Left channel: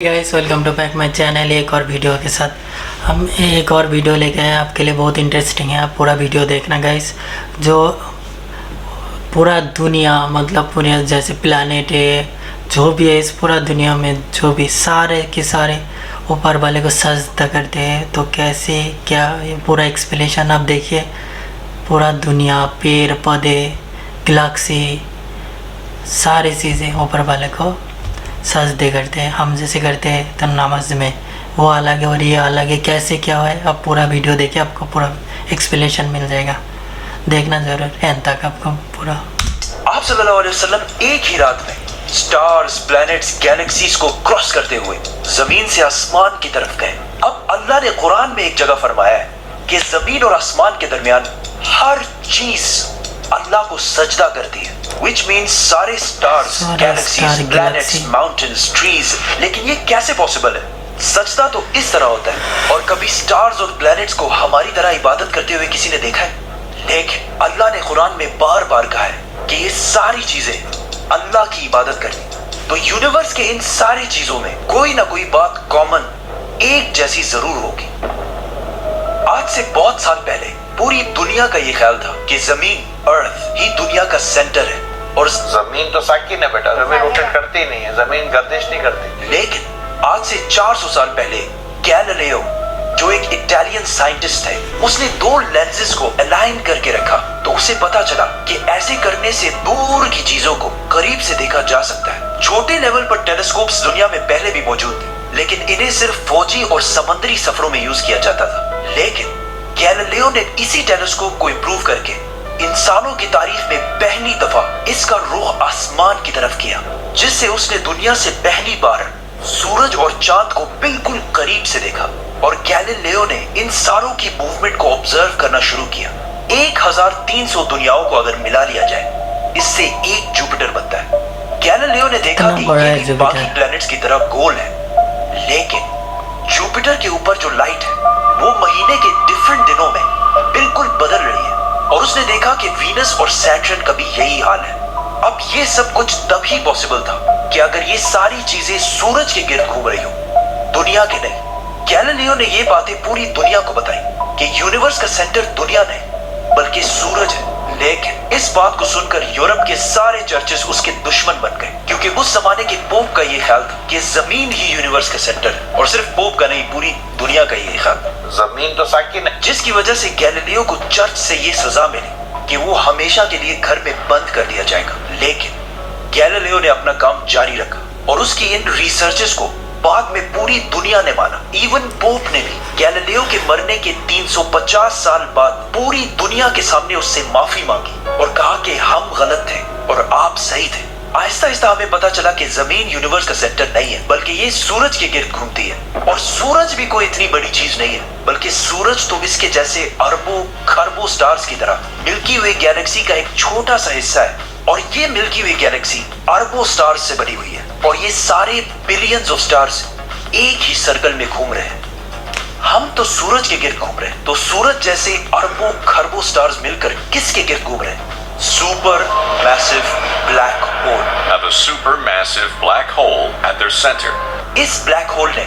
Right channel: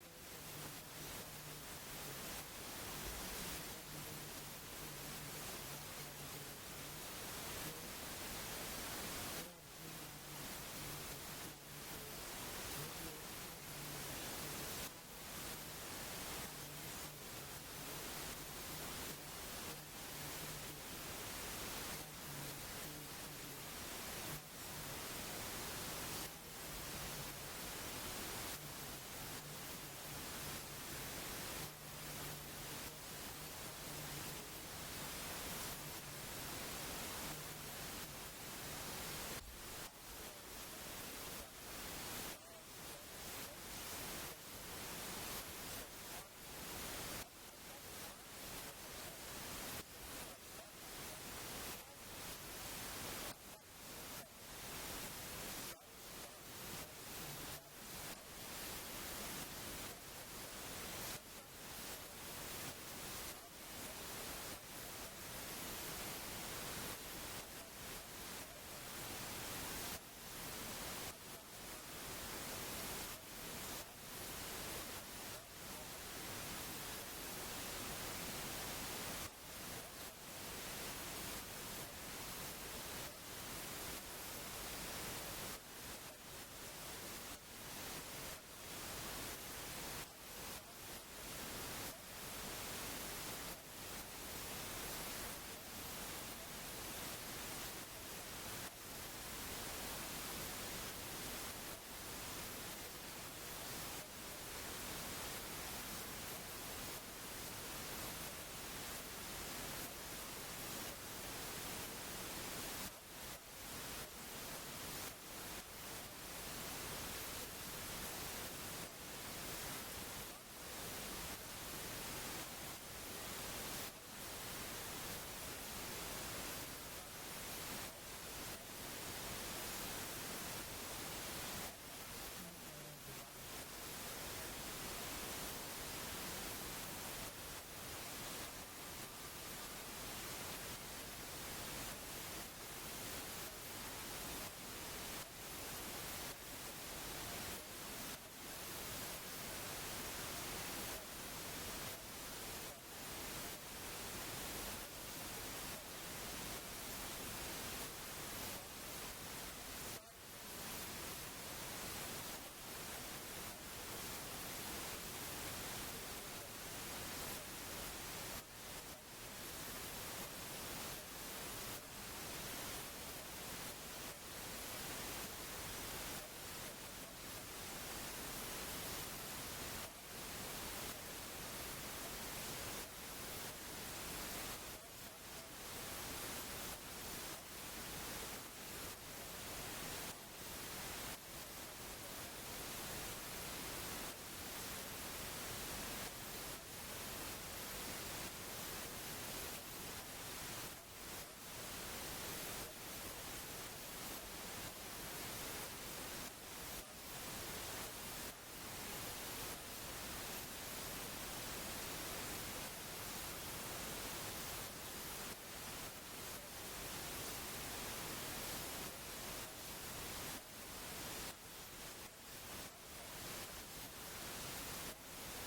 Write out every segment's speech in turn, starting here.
Guys welcome to back my channel. एक और video के साथ हम एक और वीडियो लेके आए आपके लिए। बहुत इंटरेस्टिंग है, आप पूरा वीडियो देखना गाइस। जो पूरा दुनिया मतलब पूरा जैसे प्लानेट है, जो भी है इस पूरा दुनिया में जो भी सारे के सारे ऊपर वाले को सजदा करते हैं, तो कैसे क्या ये पूरा एक्सप्लेनेशन आप देखिए। पूरा दुनिया, पेड़ पौधे, गैलेक्सी, सारी चीज़ें ऊपर वाले को सजदे करते हैं। हम जैसे करते हैं तो नमाज में वो अलग है और ये अलग है। कैसे क्या है, आप पूरा वीडियो देखिए, आपको पूरा एक्सप्लेनेशन मिल जाएगा। देखना ज़रूर एंड तक आपको पूरा। आप सल्लल्लाहु अलैहि वसल्लम एक ही रात में स्टार्स, प्लैनेट्स, गैलेक्सीज को क्रॉस करते हुए जमीन से आसमान की तरफ गए। अब अल्लाह ने कुरान में एक जगह फरमाया है कि जमीन और आसमान के दरमियान हर चीज अल्लाह को सजदा करती है, which means सारे stars, galaxies, planets, mountains, trees. लेकिन ये कैसे पॉसिबल है? सजदा तो इस तरह होता है। और कभी स्टार्स और प्लैनेट्स को हमारी तरह इबादत करते हुए किसी ने देखा है? लेकिन अल्लाह ने कुरान में बार बार कहा है कि ये सारी चीजें अल्लाह की इबादत करनी। तो यूनिवर्स के इन सारी चीजों में कोई ना कोई बात कॉमन, एक जैसी जरूर होगी। आज से बहुत साल पहले पूरी दुनिया का ये ख्याल था कि जमीन, अर्थ ही दुनिया का सेंटर है। और जमीन तो साकिन है बेटा, जमीन रोटेट करती नहीं है, जमीन गर्दिश नहीं करती। लेकिन आज से 400 साल पहले गैलीलियो, जो एक इटालियन साइंटिस्ट है, उसने दो लेंसेज को अलाइन करके रखा। तो उसे पता चला कि ऐसे करने से दूर की चीजों को करीब से देखा जा सकता है। छोटे लेवल पर टेलीस्कोप्स दुनिया में पहले भी मौजूद थे, लेकिन इन्हें सिर्फ फौजी और समुद्री सफरों में यूज किया जाता था। लेकिन गैलीलियो ने इसी टेलीस्कोप को इंप्रूव करके इंसानों की तारीख में पहली दफा इसका रुख आसमान की तरफ किया, जिससे उसने दुनिया से पहली बार सूरज और चांद को बिल्कुल करीब से देखा। और गैलीलियो ने इन सारों की मूवमेंट को ऑब्जर्व करना शुरू किया। 1300 दुनियाओं को अगर मिला लिया जाए, इससे एक जुपिटर बनता है। गैलीलियो ने देखा कि ये भी बाकी प्लैनेट्स की तरह गोल है, लेकिन जुपिटर के ऊपर जो लाइट है वो महीने के डिफरेंट दिनों में बिल्कुल बदल रही है। और उसने देखा कि वीनस और सैटर्न का भी यही हाल है। अब ये सब कुछ तभी पॉसिबल था कि अगर ये सारी चीजें सूरज के गिर्द घूम रही हो, दुनिया के नहीं। गैलीलियो ने ये बातें पूरी दुनिया को बताई कि यूनिवर्स का सेंटर दुनिया नहीं बल्कि सूरज है। लेकिन इस बात को सुनकर यूरोप के सारे चर्चेस उसके दुश्मन बन गए, क्योंकि उस जमाने के पोप का ये ख्याल था कि जमीन ही यूनिवर्स का सेंटर है। और सिर्फ पोप का नहीं, पूरी दुनिया का ये ख्याल, जमीन तो साकिन है। जिसकी वजह से गैलीलियो को चर्च से ये सजा मिली कि वो हमेशा के लिए घर में बंद कर दिया जाएगा। लेकिन गैलीलियो ने अपना काम जारी रखा और उसकी इन रिसर्चेस को बाद में पूरी दुनिया ने माना। इवन पोप ने भी गैलीलियो के मरने के 350 साल बाद पूरी दुनिया के सामने उससे माफी मांगी और कहा कि हम गलत थे और आप सही थे। आहिस्ता आहिस्ता हमें पता चला कि जमीन यूनिवर्स का सेंटर नहीं है, बल्कि ये सूरज के गिर्द घूमती है। और सूरज भी कोई इतनी बड़ी चीज नहीं है, बल्कि सूरज तो इसके जैसे अरबों खरबों स्टार्स की तरह मिल्की वे गैलेक्सी का एक छोटा सा हिस्सा है। और ये मिल्की वे गैलेक्सी अरबों स्टार्स से बनी हुई है, और ये सारे बिलियंस ऑफ स्टार्स एक ही सर्कल में घूम रहे हैं। हम तो सूरज के गिर्द घूम रहे हैं, तो सूरज जैसे अरबों खरबों स्टार्स मिलकर किसके गिर्द घूम रहे हैं? Super massive black hole. Have a supermassive black hole at their center. इस ब्लैक होल ने,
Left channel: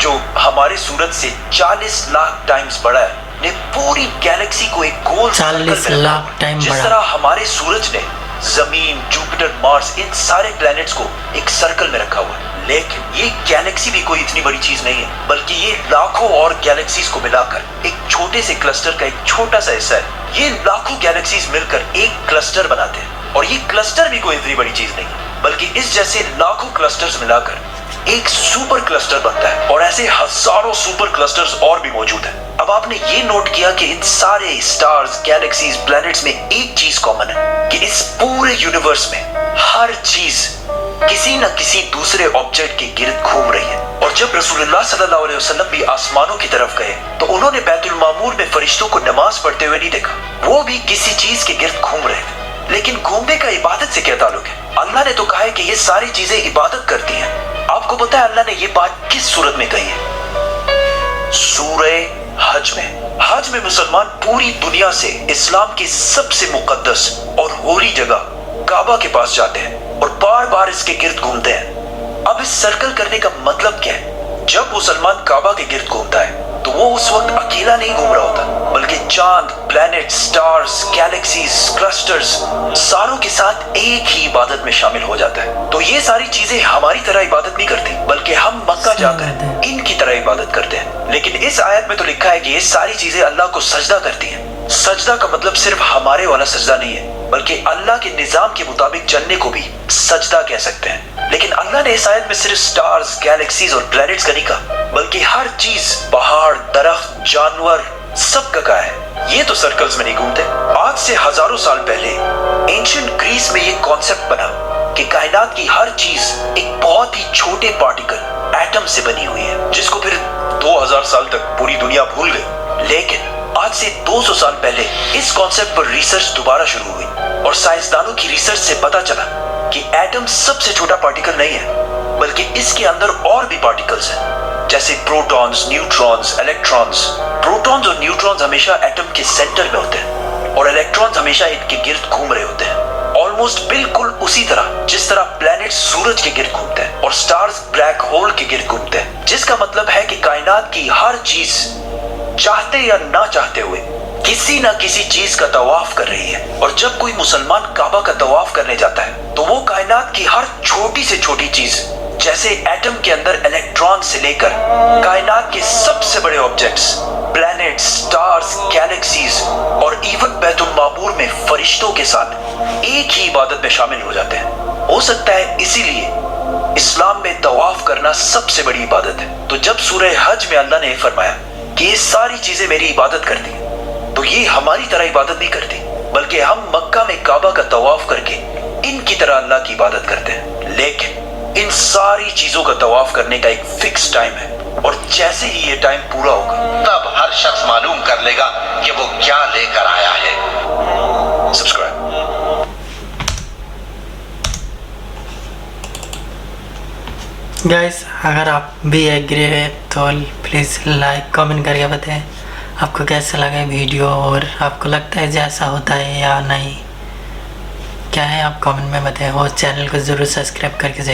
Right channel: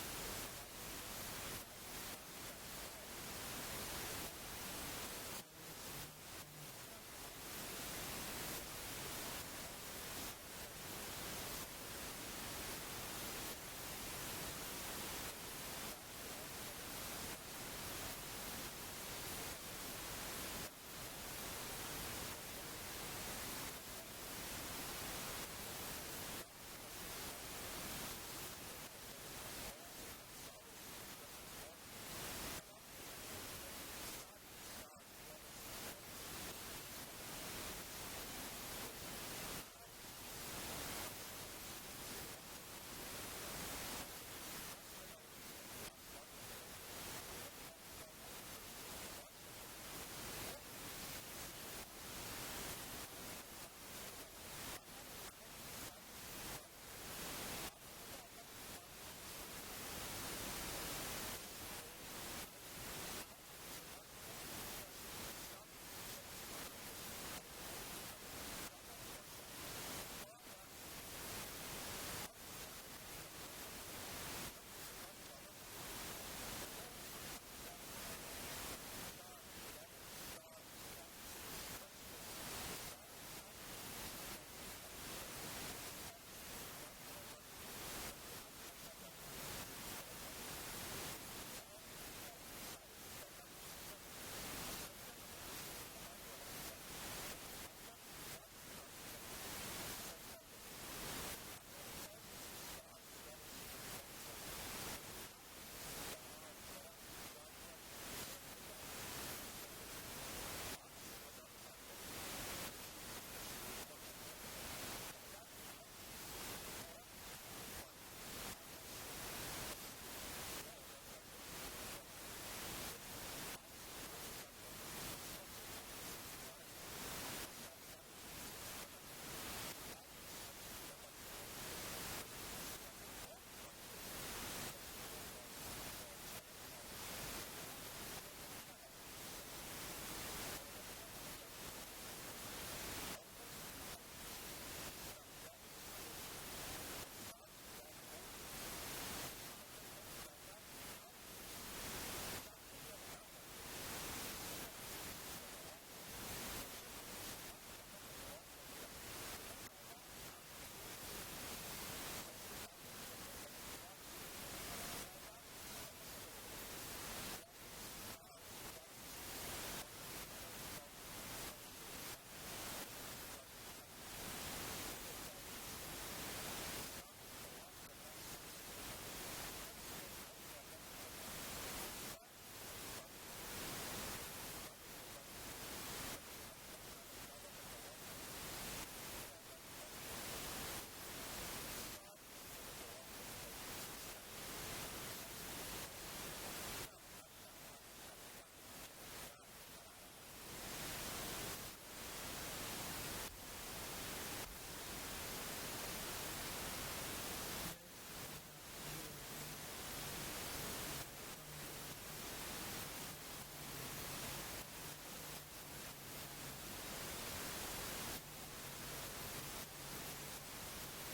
जो हमारे सूरज से 40 लाख टाइम्स बड़ा है, ने पूरी गैलेक्सी को एक गोल 40 लाख टाइम जिस बड़ा। तरह हमारे सूरज ने जमीन, जुपिटर, मार्स, इन सारे प्लैनेट्स को एक सर्कल में रखा हुआ है। लेकिन ये गैलेक्सी भी कोई इतनी बड़ी चीज नहीं है, बल्कि ये लाखों और गैलेक्सीज को मिलाकर एक छोटे से क्लस्टर का एक छोटा सा हिस्सा है। ये लाखों गैलेक्सीज मिलकर एक क्लस्टर बनाते हैं, और ये क्लस्टर भी कोई इतनी बड़ी चीज नहीं, बल्कि इस जैसे लाखों क्लस्टर्स मिलाकर एक सुपर क्लस्टर बनता है। और ऐसे हजारों सुपर क्लस्टर्स और भी मौजूद हैं। अब आपने ये नोट किया कि इन सारे स्टार्स, गैलेक्सीज, प्लैनेट्स में एक चीज कॉमन है कि इस पूरे यूनिवर्स में हर चीज किसी न किसी दूसरे ऑब्जेक्ट के गिर्द घूम रही है। और जब रसूलुल्लाह सल्लल्लाहु अलैहि वसल्लम भी आसमानों की तरफ गए, तो उन्होंने बैतुल मामूर में फरिश्तों को नमाज पढ़ते हुए नहीं देखा। वो भी किसी चीज के गिर्द घूम रहे थे। लेकिन घूमने का इबादत से क्या ताल्लुक है? अल्लाह ने तो कहा है कि ये सारी चीजें इबादत करती हैं। आपको पता है अल्लाह ने ये बात किस सूरत में कही है? सूरह हज में। हज में मुसलमान पूरी दुनिया से इस्लाम की सबसे मुकद्दस और होली जगह काबा के पास जाते हैं और बार बार इसके गिर्द घूमते हैं। अब इस सर्कल करने का मतलब क्या है? जब मुसलमान काबा के गिर्द घूमता है तो वो उस वक्त अकेला नहीं घूम रहा होता, बल्कि चांद, प्लैनेट, स्टार्स, गैलेक्सीज, क्लस्टर्स सारों के साथ एक ही इबादत में शामिल हो जाता है। तो ये सारी चीजें हमारी तरह इबादत नहीं करती, बल्कि हम मक्का जाकर इनकी तरह इबादत करते हैं। लेकिन इस आयत में तो लिखा है कि ये सारी चीजें अल्लाह को सजदा करती हैं। सजदा का मतलब सिर्फ हमारे वाला सजदा नहीं है, बल्कि अल्लाह के निजाम के मुताबिक चलने को भी सजदा कह सकते हैं। लेकिन अल्लाह ने इस आयत में सिर्फ स्टार्स, गैलेक्सीज और प्लैनेट्स का नहीं कहा, बल्कि हर चीज, पहाड़, दरख्त, जानवर, सब का कहा है। ये तो सर्कल्स में नहीं घूमते। आज से हजारों साल पहले एंशिएंट ग्रीस में ये कॉन्सेप्ट बना कि कायनात की हर चीज एक बहुत ही छोटे पार्टिकल, एटम से बनी हुई है, जिसको फिर 2000 साल तक पूरी दुनिया भूल गई। लेकिन आज से 200 साल पहले इस कॉन्सेप्ट पर रिसर्च दोबारा शुरू हुई और साइंसदानों की रिसर्च से पता चला कि एटम सबसे छोटा पार्टिकल नहीं है, बल्कि इसके अंदर और भी पार्टिकल्स हैं, जैसे प्रोटॉन्स, न्यूट्रॉन्स, इलेक्ट्रॉन्स। प्रोटॉन्स और न्यूट्रॉन्स हमेशा एटम के सेंटर में होते हैं और इलेक्ट्रॉन्स हमेशा इनके गिर्द घूम रहे होते हैं, ऑलमोस्ट बिल्कुल उसी तरह जिस तरह प्लैनेट सूरज के गिर्द घूमते हैं और स्टार्स ब्लैक होल के गिर्द घूमते हैं। जिसका मतलब है कि कायनात की हर चीज चाहते या ना चाहते हुए किसी ना किसी चीज का तवाफ कर रही है। और जब कोई मुसलमान काबा का तवाफ करने जाता है तो वो कायनात की हर छोटी से छोटी चीज, जैसे एटम के अंदर इलेक्ट्रॉन से लेकर कायनात के सबसे बड़े ऑब्जेक्ट्स, प्लैनेट्स, स्टार्स, गैलेक्सीज और इवन बैतुल मामूर में फरिश्तों के साथ एक ही इबादत में शामिल हो जाते हैं। हो सकता है इसीलिए इस्लाम में तवाफ करना सबसे बड़ी इबादत है। तो जब सूरह हज में अल्लाह ने फरमाया कि ये सारी चीजें मेरी इबादत करती हैं, तो ये हमारी तरह इबादत नहीं करती, बल्कि हम मक्का में काबा का तवाफ करके इनकी तरह अल्लाह की इबादत करते हैं। लेकिन इन सारी चीजों का तवाफ करने का एक फिक्स टाइम है और जैसे ही ये टाइम पूरा होगा तब हर शख्स मालूम कर लेगा कि वो क्या लेकर आया है। सब्सक्राइब। गाइस, अगर आप भी एग्री है तो प्लीज़ लाइक कमेंट करके बताएं आपको कैसा लगा वीडियो, और आपको लगता है जैसा होता है या नहीं, क्या है आप कमेंट में बताएं, और चैनल को ज़रूर सब्सक्राइब करके जाइए।